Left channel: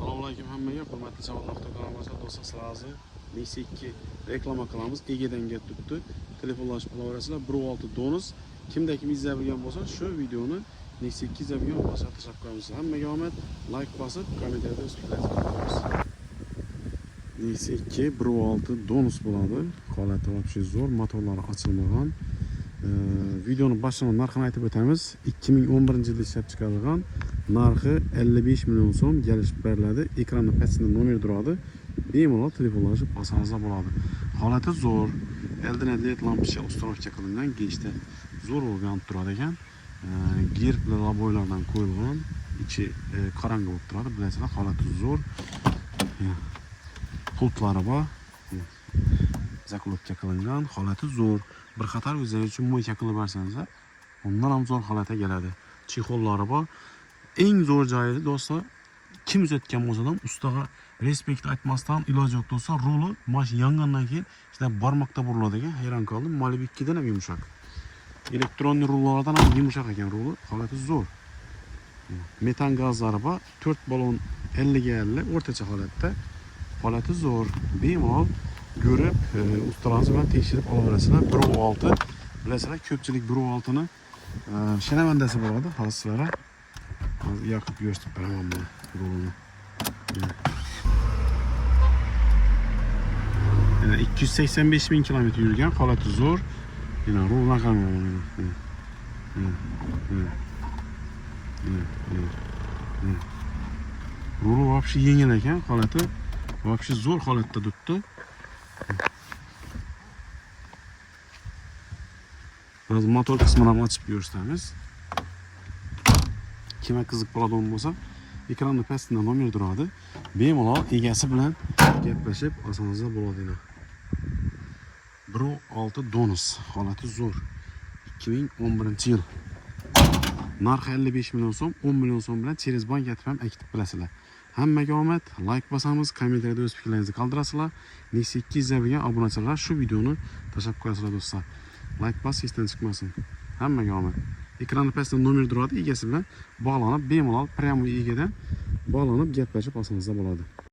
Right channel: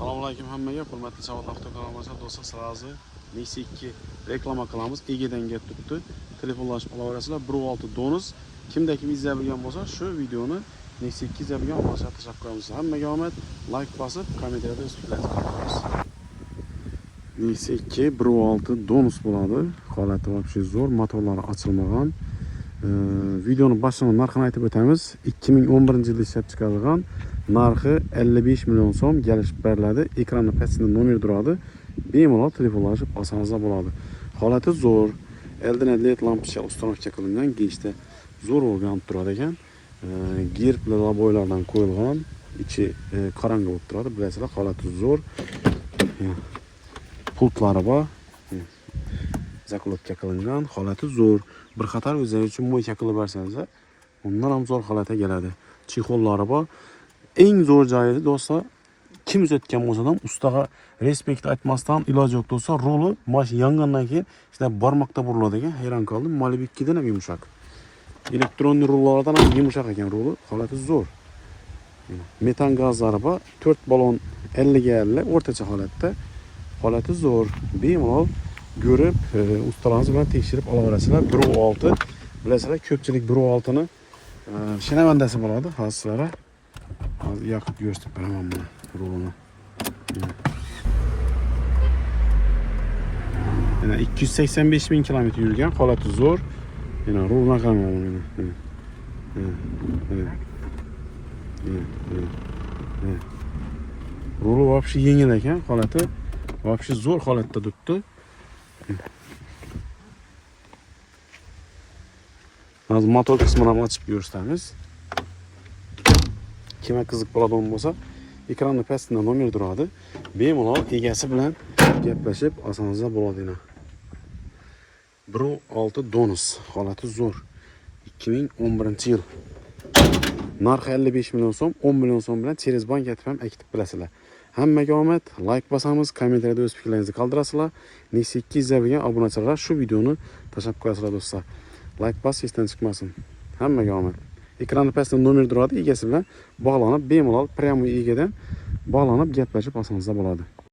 Assalomu alaykum hammaga, hurmatli savollar kanalimizda do'stlar, sizlarni Nexia 2 reklama qilamiz. Egedan gap tutdi. Telefonlashib olaverasizlar. 16 donus. Kimda kim izlab bilgan bo'lsa, shu videoni Nexia 2 izlab bilgan bo'lsa tashakkur qilamiz. Hammaga omad, like bosib, kommentariyada o'z fikrlaringizni qoldirasiz. Nexia 2 16 donus bo'ladi. Holati вообще zo'r, motorlari ochilmagan. Videoni boshida narxini aytib o'tamiz. 2011-yilda ishlab chiqarilgan. Narxi 55 million so'm kelishib beriladi. Ekranda pastida nomer turadi. Bemalol telefonlashib olsangiz bo'ladi. Holati zo'r. Eldan LED lampocha ustanovka qilingan, gechda zo'r o'rganib turar ekan. Gerbli laboylardan qo'yilgan, ichi qorong'i bo'lib turadi. Bilasizlar, holati zo'r. Pultlari bor. Zakladka qilingan, holati zo'r. Bir qator o'zingiz uchun mo'yka qilib bersangiz, undan ham zo'r holatga keladi. Chexollari bor. Eng zo'r joyi do'stlar, kim uzatgan bo'lsa ham ustaga respekt aytmasdan iloji yo'q do'stlar, roli mash yangandan keyin işte barmoqda buriladi ekan. Hayron qoldim. Malibikkidan ham yumshoq. Elektron rullardan ham yumshoq ekan roli, holati zo'r. Metan gazlari bor, 4 balon 50 ga 50 o'rtacha holatda. Holati zo'r. Bemalol ko'rib, ustalarimiz bilan tekshirib olaverasizlar. 1.6 bilasizlar, ko'pchilik 1.6 ni shinavandasi bo'ladi, hozirlar. Hozir yoqib ko'rsatib beraman bu rulni. Yana 285 ming kilometr yurgan, holati zo'r. Yana rulni qaraman buni. Ruli вообще yengil ekan, holati вообще zo'r holatda turibdi. Hozir motor qismini ham ochib ko'rsatamiz. Kimga qiziq bo'ladigan bo'lsa, ekranda pastida nomer turadi. Bemalol egasi bilan gaplashib olsangiz bo'ladi. 1.6 donus, holati zo'r. 2011-yil. Narxi 55 million so'm, 10 million so'm bilan через bank ham aktiv bilasizlar. Hammaga omad, like bosamiz, kommentariyada o'z fikrlaringizni qoldirasizlar. Nexia 2 izlagan obunachilar shu videoni tashlab qo'yasizlar do'stlar. Like bos, esdan chiqmasin. Hammaga omad. Ekranda pastida nomer turadi, egasi bilan bog'lanib, bemalol prямо egadan bog'lanib gaplashib olsangiz bo'ladi.